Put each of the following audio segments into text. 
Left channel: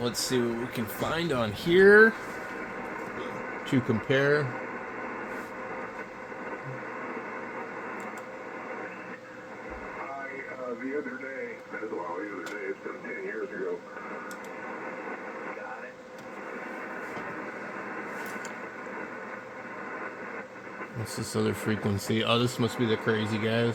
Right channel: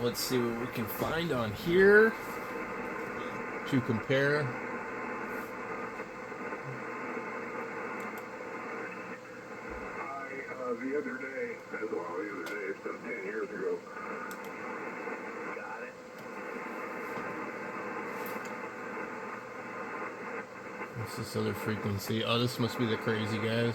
let's see what we can find on here to compare. The other day, it's been 10 years ago. Got it. What's this other frequency? Oh, this must be the crazy guys.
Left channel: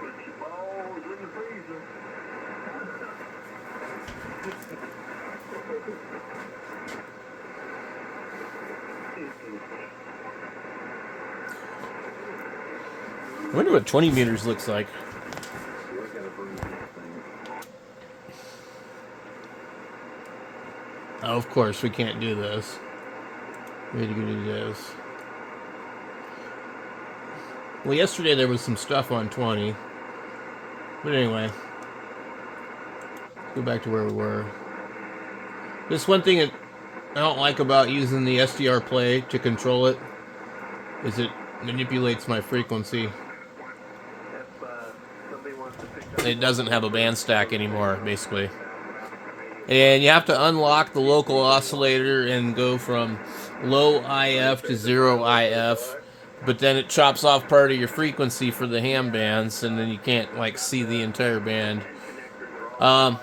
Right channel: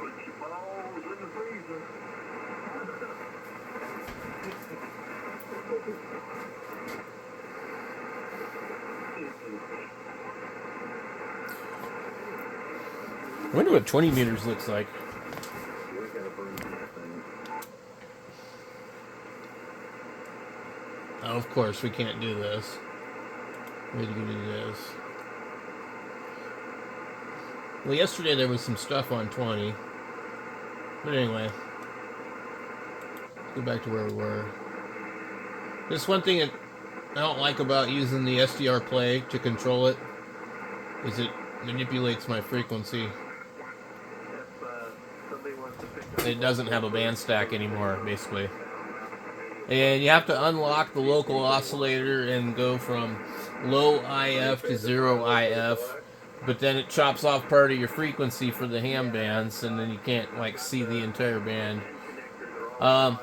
Put your balls in the freezer. I wonder what 20 meters looks like. Oh, of course, we can't do this. We had to go do this. Well, yesterday there was some stuff on 20. But anyway, go back to where we were. This one thing that I don't like about using the SDR play to control it is it manipulates my frequency. It doesn't have a band stack anymore, basically. And you have to unlock the local oscillator and go from low IF to zero IF. But then it chops off part of your frequency for the ham bands, and then you can't like see the entire band. I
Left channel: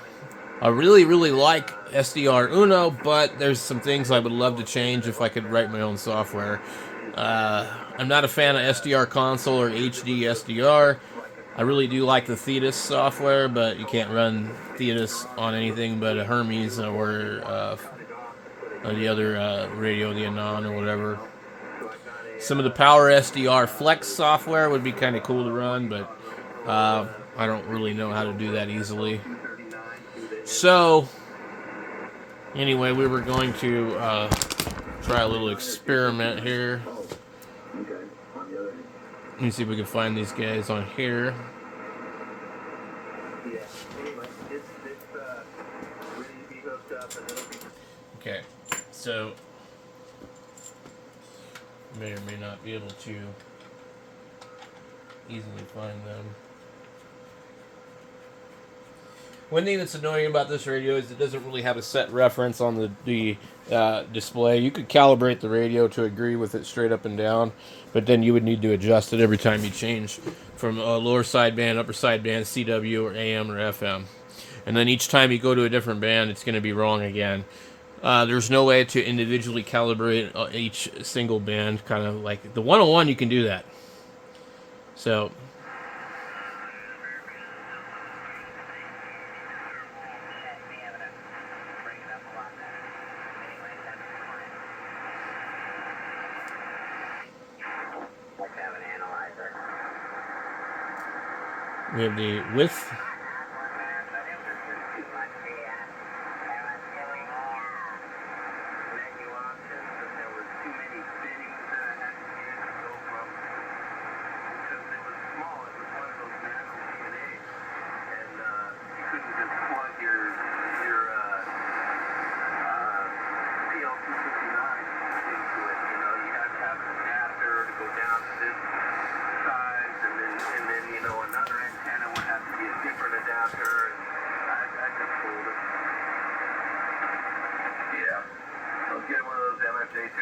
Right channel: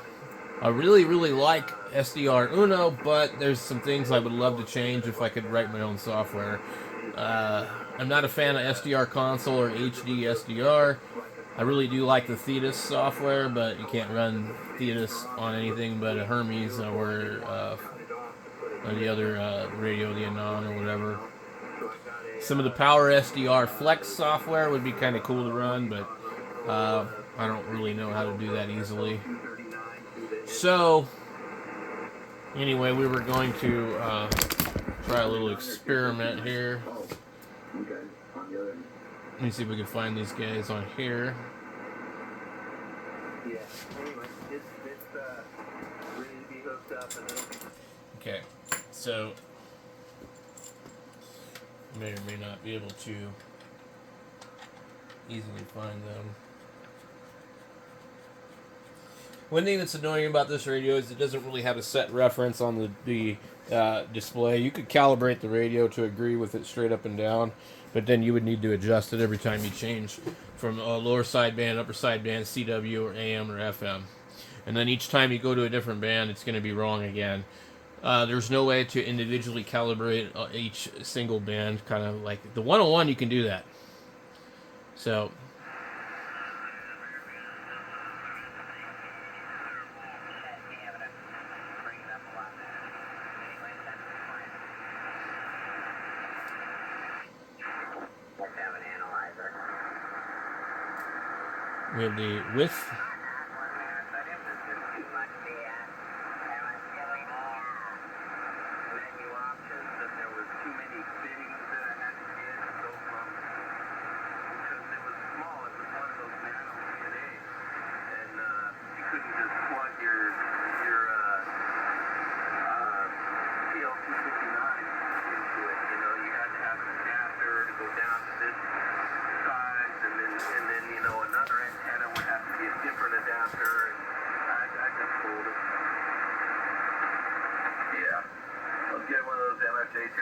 really, really like SDR Uno, but there's some things I would love to change if I could write my own software. I'm not a fan of SDR console or HD SDR. I really do like the Thetis software, but you can't run Thetis on anything but a Hermes or the other radio, the Anon or whatever. Some of the Power SDR Flex software would be kind of cool to run, but I don't really know how to do that easily. So, anyway, we were going to try a little experiment here. Let me see if we can find these guys on here. Okay, so may or may not be able to easily find them. One thing that's annoying about this radio is it doesn't really have a set reference on the display. You could calibrate the radio to agree with it straight up and down, but then you would need to adjust it every time you change from a lower sideband, upper sideband, CW, or AM, or FM. And then each time you go to a different band, it's going to be wrong again. There's no way to individually calibrate each single band. Kind of like the 101, you can do that. So... we have the width.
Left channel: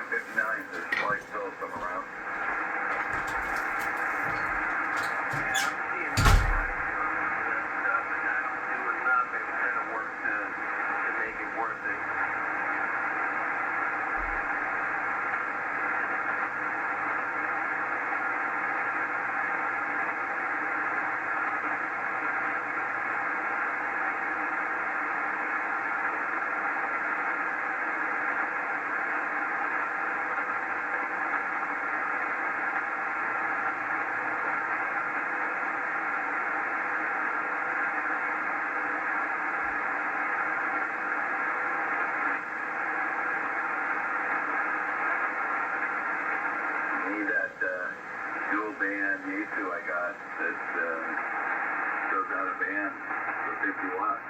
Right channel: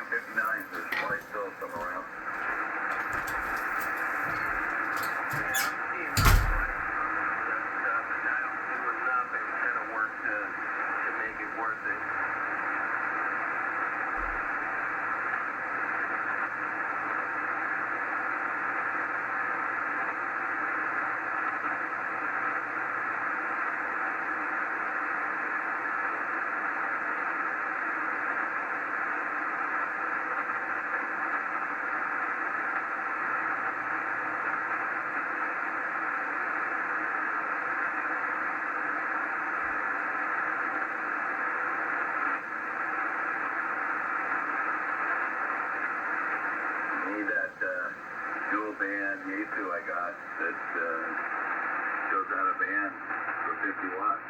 ft901dm. There's probably still some around. Dual band Yeasu I got that goes out of band for 50 watts.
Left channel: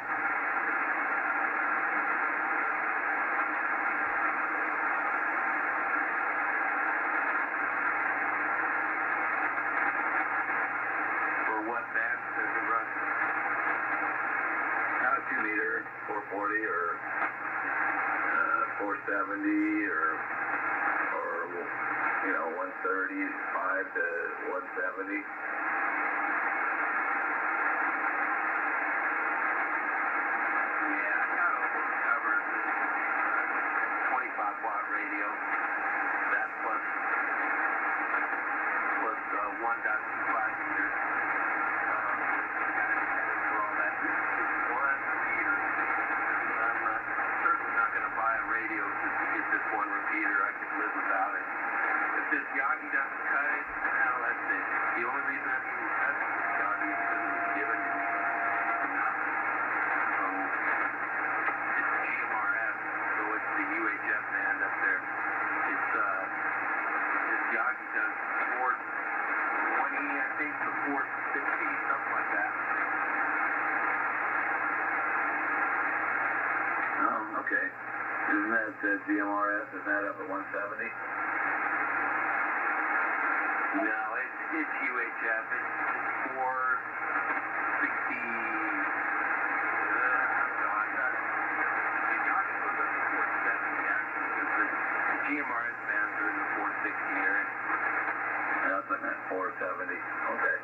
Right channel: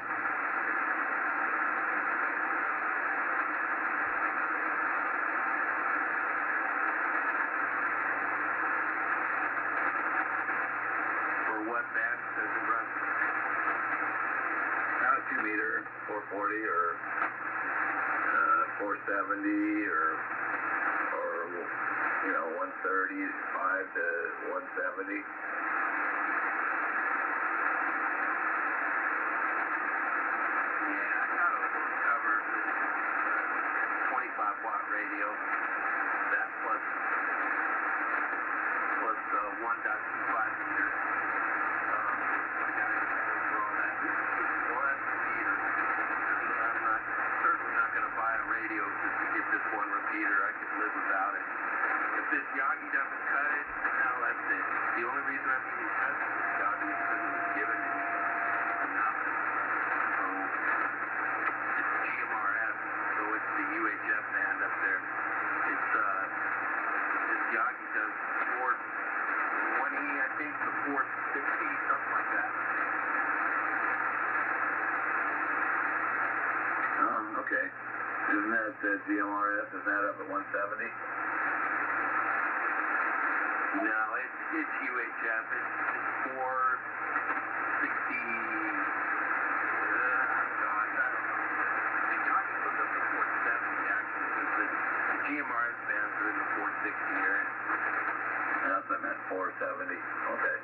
170 or 135 to 170. Yeah, I got almost covered. 25-watt radio. That plus 1.25 meters. I got everything for all that. One repeater. I'm certainly not going to buy a radio just to get this one repeater. I could live without it. If this Yagi doesn't cut it, hell, that's it. The only reason I'm even touching this Yagi is because it was given to me for nothing. So it's GMRS, so it's the UHF band up there. It's this Yagi does 420, I think, to 460, something like that. Oh, okay. Isn't that GMRS? Isn't that up at 170? No, it's UHF. It's 460. God, I don't know. The Yagi goes up to 470 actually, because the GMRS bands are in the 460 area. That's what I meant, 470. Okay.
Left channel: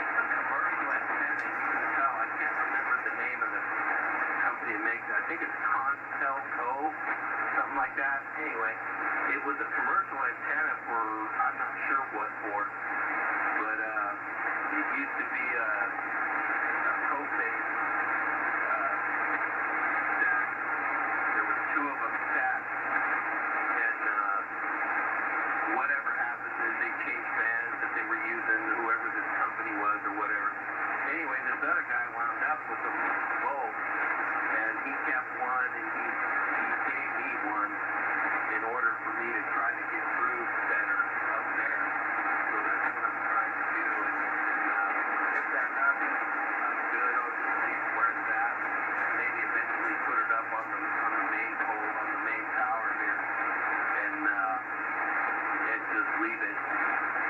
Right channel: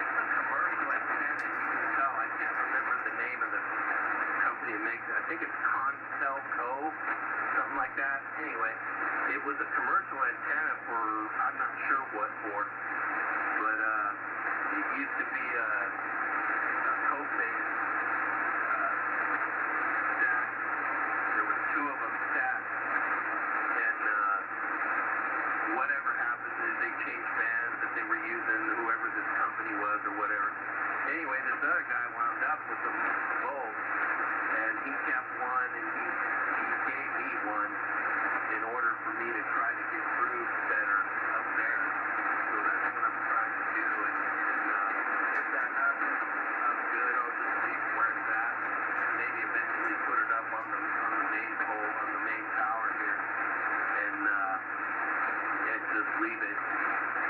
It's a commercial antenna, you can tell. I can't remember the name of the company that makes it. I think it's Contelco, something like that. Anyway, it was a commercial antenna for, I'm not sure what for, but it used to be a co-phase stack. There was two of them stacked, and whatever happened is they changed bands that they were using, whoever this company was or whatever. Anyway, this other guy wound up with them both, and he kept one, and he gave me one in order for me to try to get grooves better up there. So that's what I'm trying to do, and if that happens, I'm good. I'll just leave it where it's at. Maybe eventually put it up on the main pole, on the main tower here, and just leave it.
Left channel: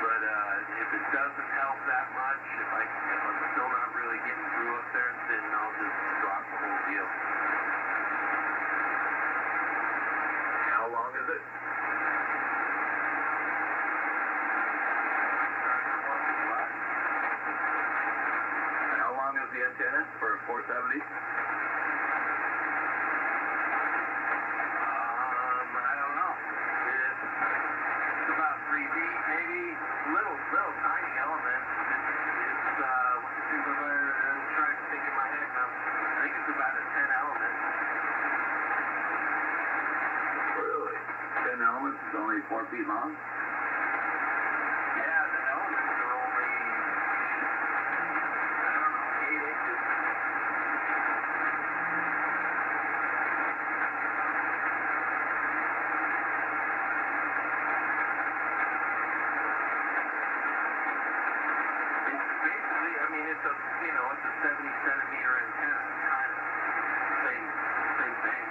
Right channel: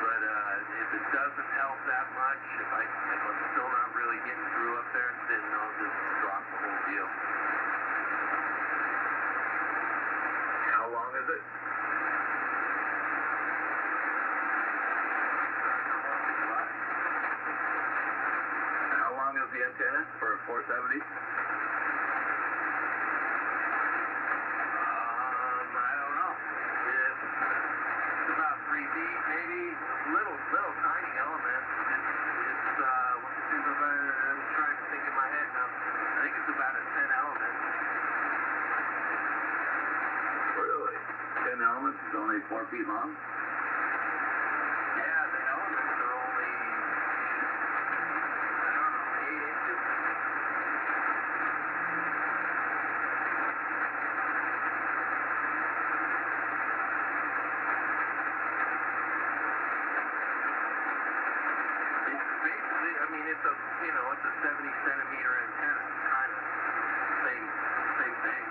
But if it doesn't help that much, if I'm still not really getting through up there, then I'll just drop the whole deal. How long is it? How long is the antenna for 470? I don't know. It's about 3 feet, maybe. Little tiny element. It's I'm trying to think in my head now. I think it's about a 10 element. Really? 10 elements is only 4 feet long? Yeah, the elements are only, I don't know, 8 inches. It's basically, I mean, it's a 70-centimeter antenna, kind of. Same thing.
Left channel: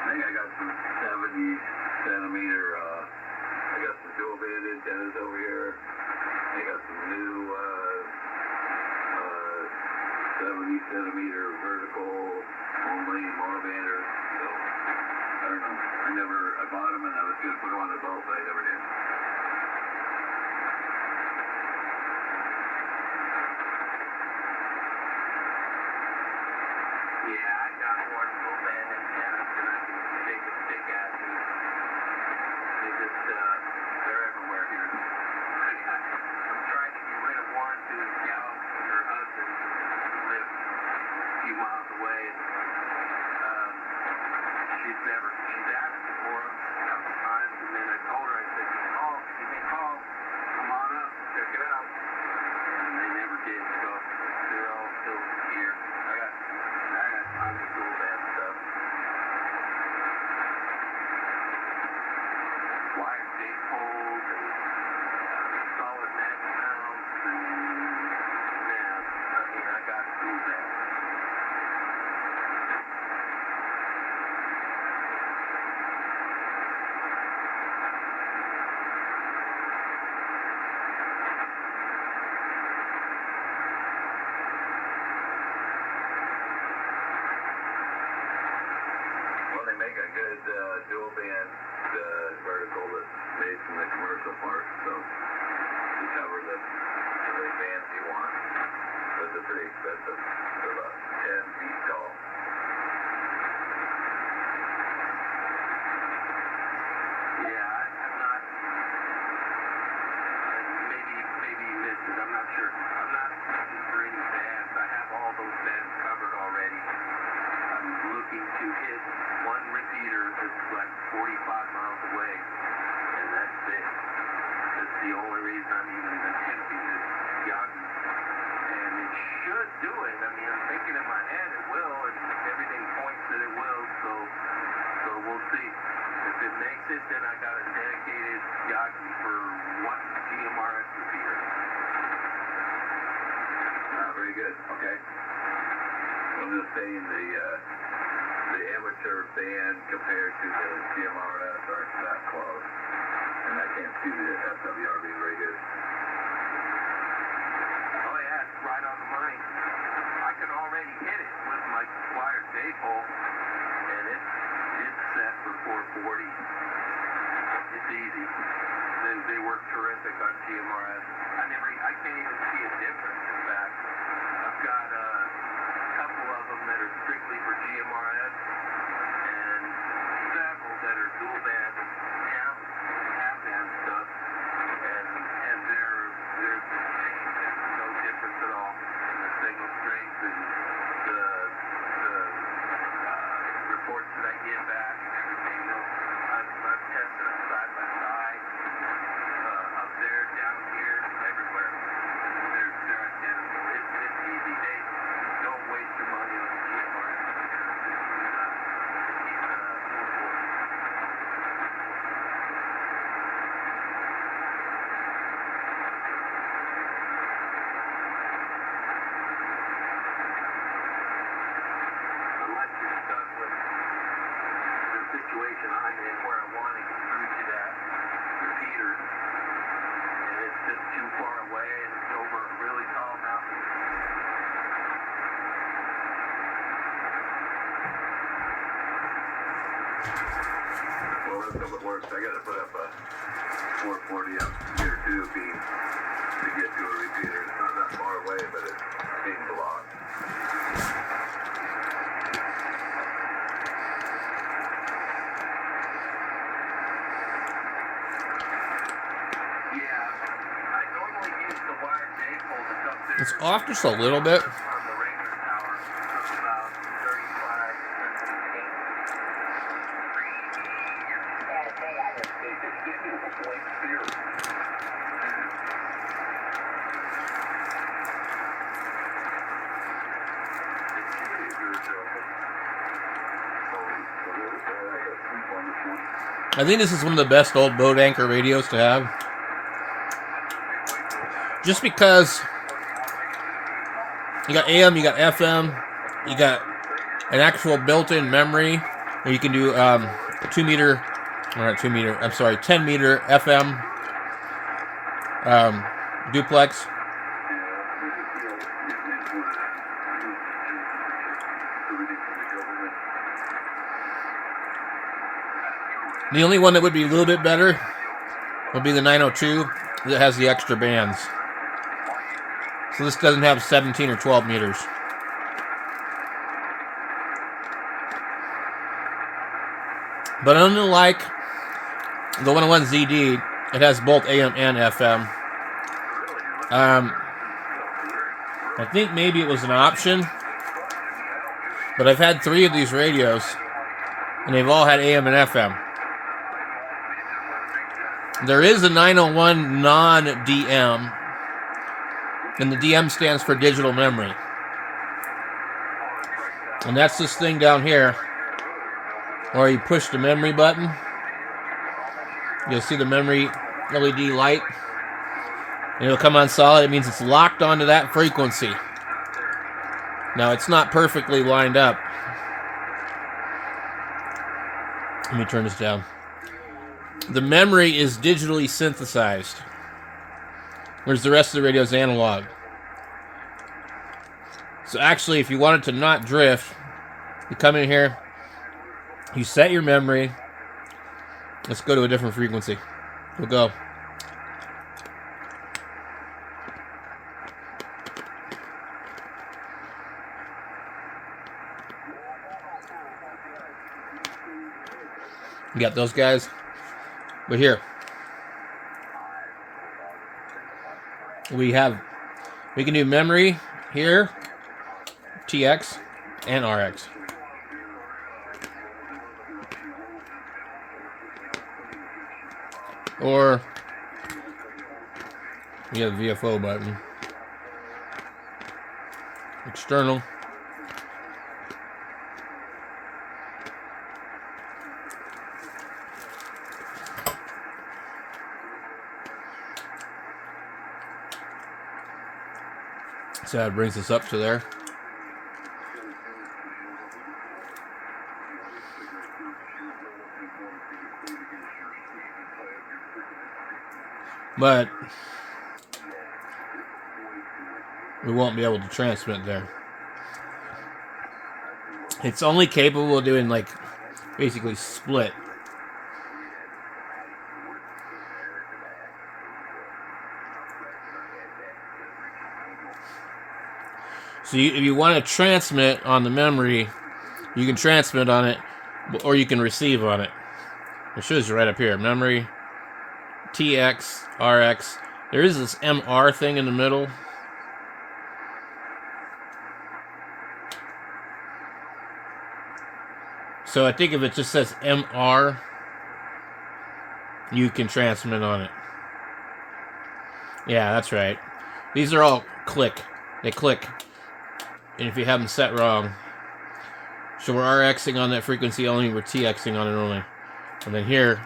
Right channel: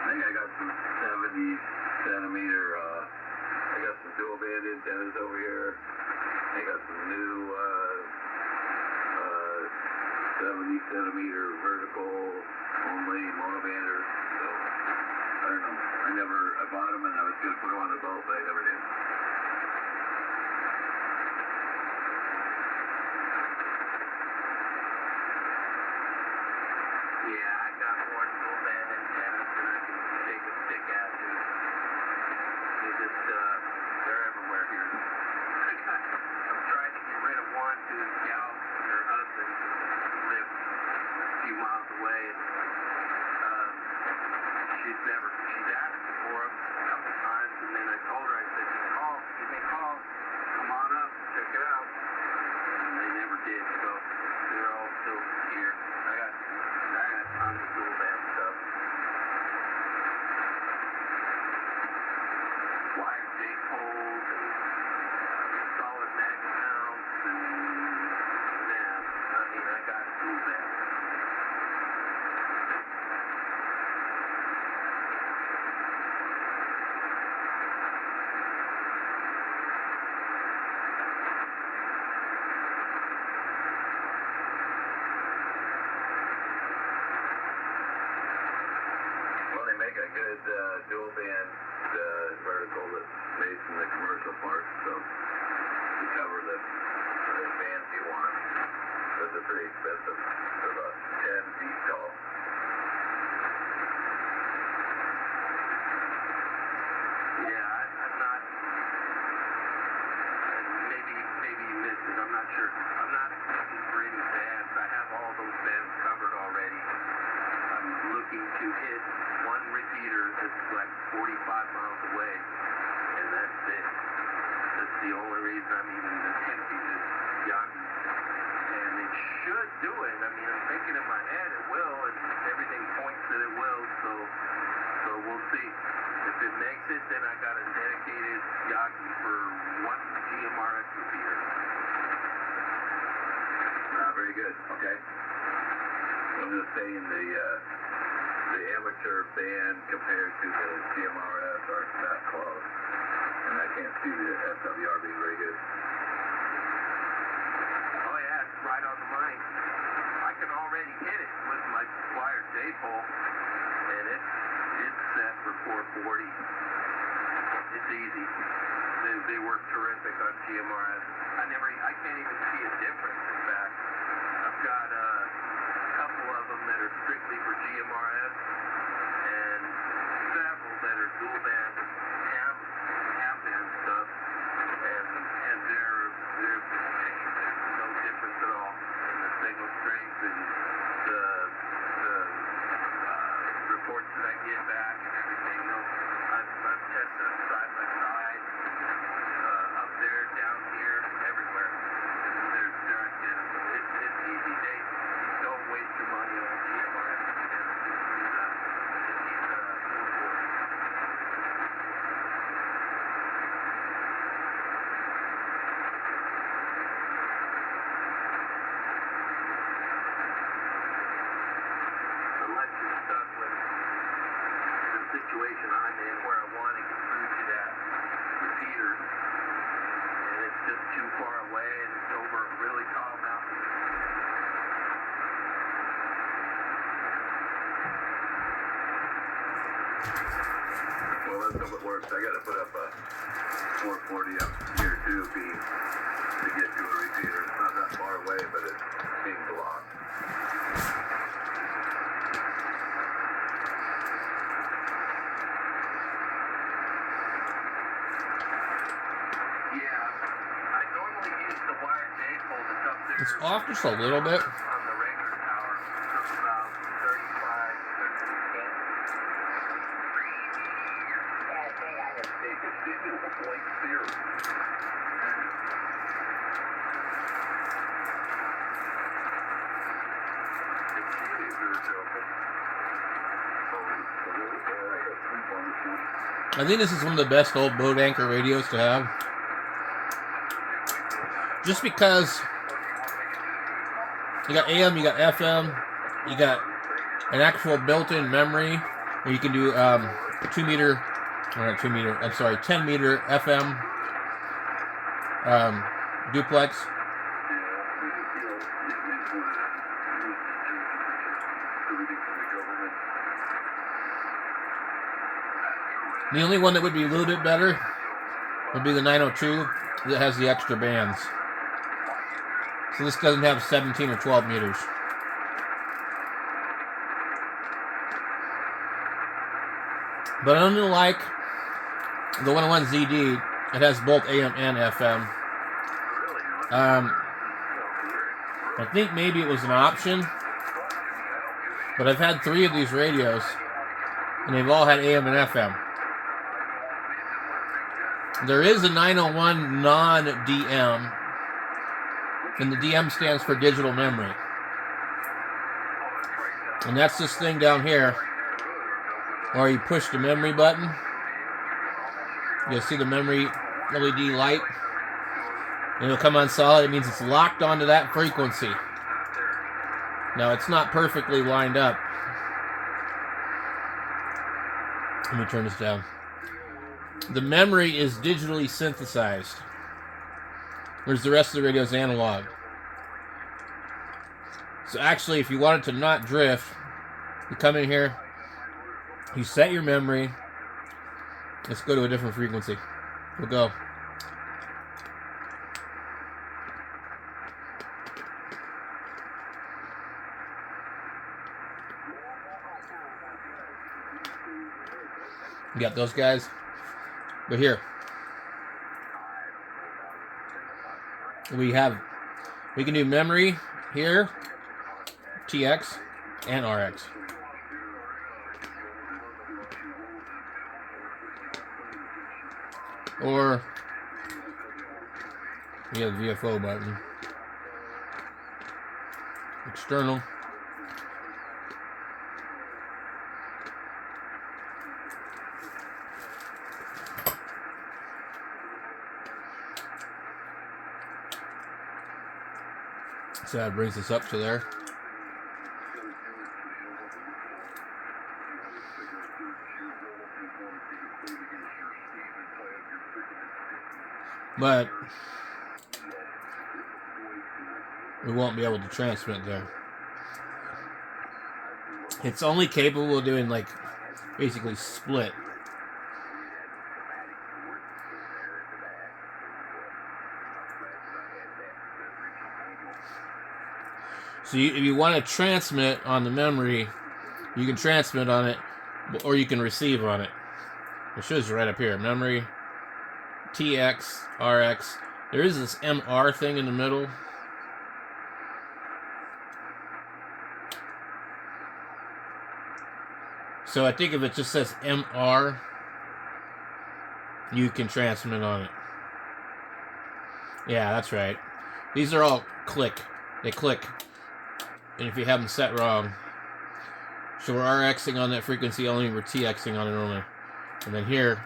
I think I got some 70-centimeter, I got some dual band antennas over here. I got some new 70-centimeter vertical only monobanders. So, I don't know. I bought them and I was going to put them on the boat, but I never did. Yeah, I got more dual band antennas than I can shake a stick at. They're everywhere here. I'm trying to get rid of one to his gal and her husband who live a few miles away. She's asked me for them a couple times, and then I told her, I said, give me a call, come on up, check it out. And they never did, so they're all still here. I got tons of dual band stuff. Wired J poles and solid magnet mounts, and I got dual band. dual band vertical that's made from the commercial parts, so to cover the bands you want. Those are pretty expensive. They're about 10 feet tall. Yeah, I'm not. Maybe you missed it. I'm not sure. I'm not looking for any bands. I have all those bands covered already. I'm looking to hit one repeater that's like 45 miles away, and that's it. That's the only reason I'm even attempting this Yeasu. And it should do it. I mean, I'm thinking in my head it will, and everything points that it will, so we'll see. If it makes it, then I got a dedicated Yeasu for one GMRS repeater. Very good. Okay. I'm going to say in the amateur band compared to the GMRS are that close, and I can't see the SWR being very good. Oh yeah, it's right on the money. I can already hit it with my wired J-pole, and it's set for 440. It's easy. They work terrific on GMRS. I can't even see a difference. In fact, I've got a couple of them that are strictly for GMRS, and several that are dual band ham band stuff, and there's no difference at all in the signal strength and the reports that I get back and everything. No, I've tested them side by side, up there, down here, everywhere. They're identical. It's easy. Don't waste your money on GMRS. Unless you're stuck with the situation I'm in where I want to get through to that repeater, and it's just too far away and it's over a really tall mountain. Well, let's hope it works. I got to put up a 440 up here too, to get to a repeater. It's not that far away, but it's being blocked. Yeah, I normally use the wired J-pole that's up there. It's off just a little bit. On the regular tower, it's about 35, 38. I think this is one of the best old boat anchor radios to have. Just because you got AM, you got FM, you got an actual built-in memory where you can do 10 meter FM duplex. The only one that would be a little bit better would be the 902 that has the extra bands. So this doesn't have 17 or 12 meters. But unlike the 101ZD, it has both AM and FM. I think maybe it was an option, but I've had 3 of these radios, and they've all had AM and FM. There is a 901 non-DM, and the DM stands for digital memory. And that's this thing down here, where you push the memory button. You'll see the memory LED light, and it'll come on solid. It means it's locked onto that frequency. Now, it's not perfectly lined up. Let me turn this down. The memory is digitally synthesized, whereas the rest of the radio is analog. So actually, if you wanted to not drift, you come in here, you set your memory, Let's go to a different frequency. We'll go. You got those guys? But here. We can do memory here, TX, and RX. Or we have the VFO button. External. So that brings us up to there. But we won't be able to transmit there. It's only capable of doing like basically split. So if you want to transmit on the memory, you can transmit on it, or you can receive on it. It shows you right up here. Memory, TX, RX. There is this MR thing in the middle. So I think if it just says MR, you can transmit on it. Yeah, that's right. These are all click. They click. And if you have them set wrong, so we're RXing on that frequency only, we're TXing on it only. And then here,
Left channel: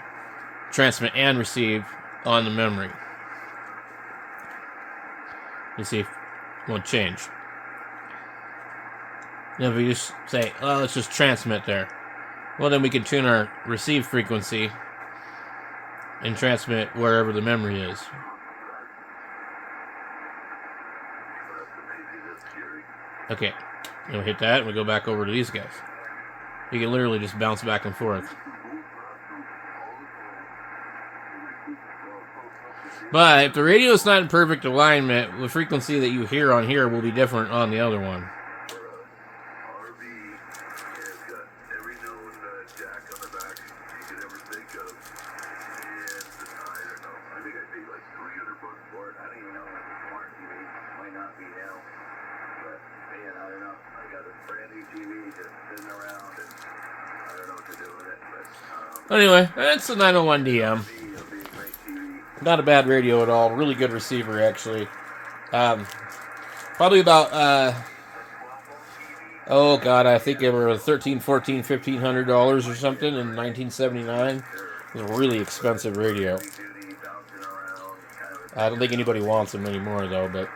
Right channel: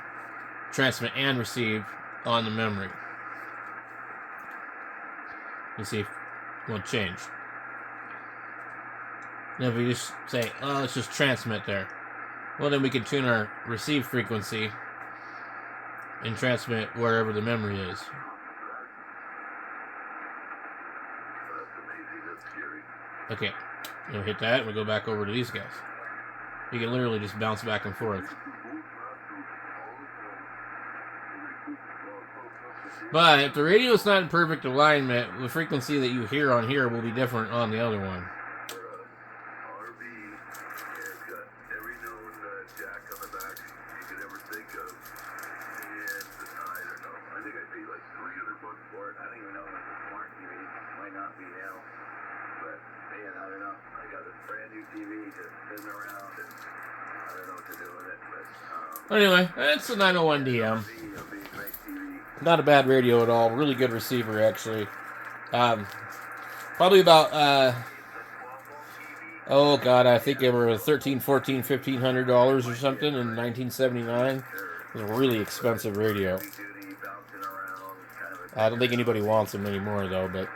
transmit and receive on the memory. You see if it won't change. Now if we just say, oh, let's just transmit there. Well, then we can tune our receive frequency and transmit wherever the memory is. Okay, we'll hit that and we go back over to these guys. You can literally just bounce back and forth. But if the radio is not in perfect alignment, the frequency that you hear on here will be different on the other one. Anyway, that's the 901dm. Not a bad radio at all. Really good receiver, actually. Probably about, oh god, I think they were $1,300, $1,400, $1,500 or something in 1979. It was a really expensive radio. I don't think anybody wants them anymore, though, but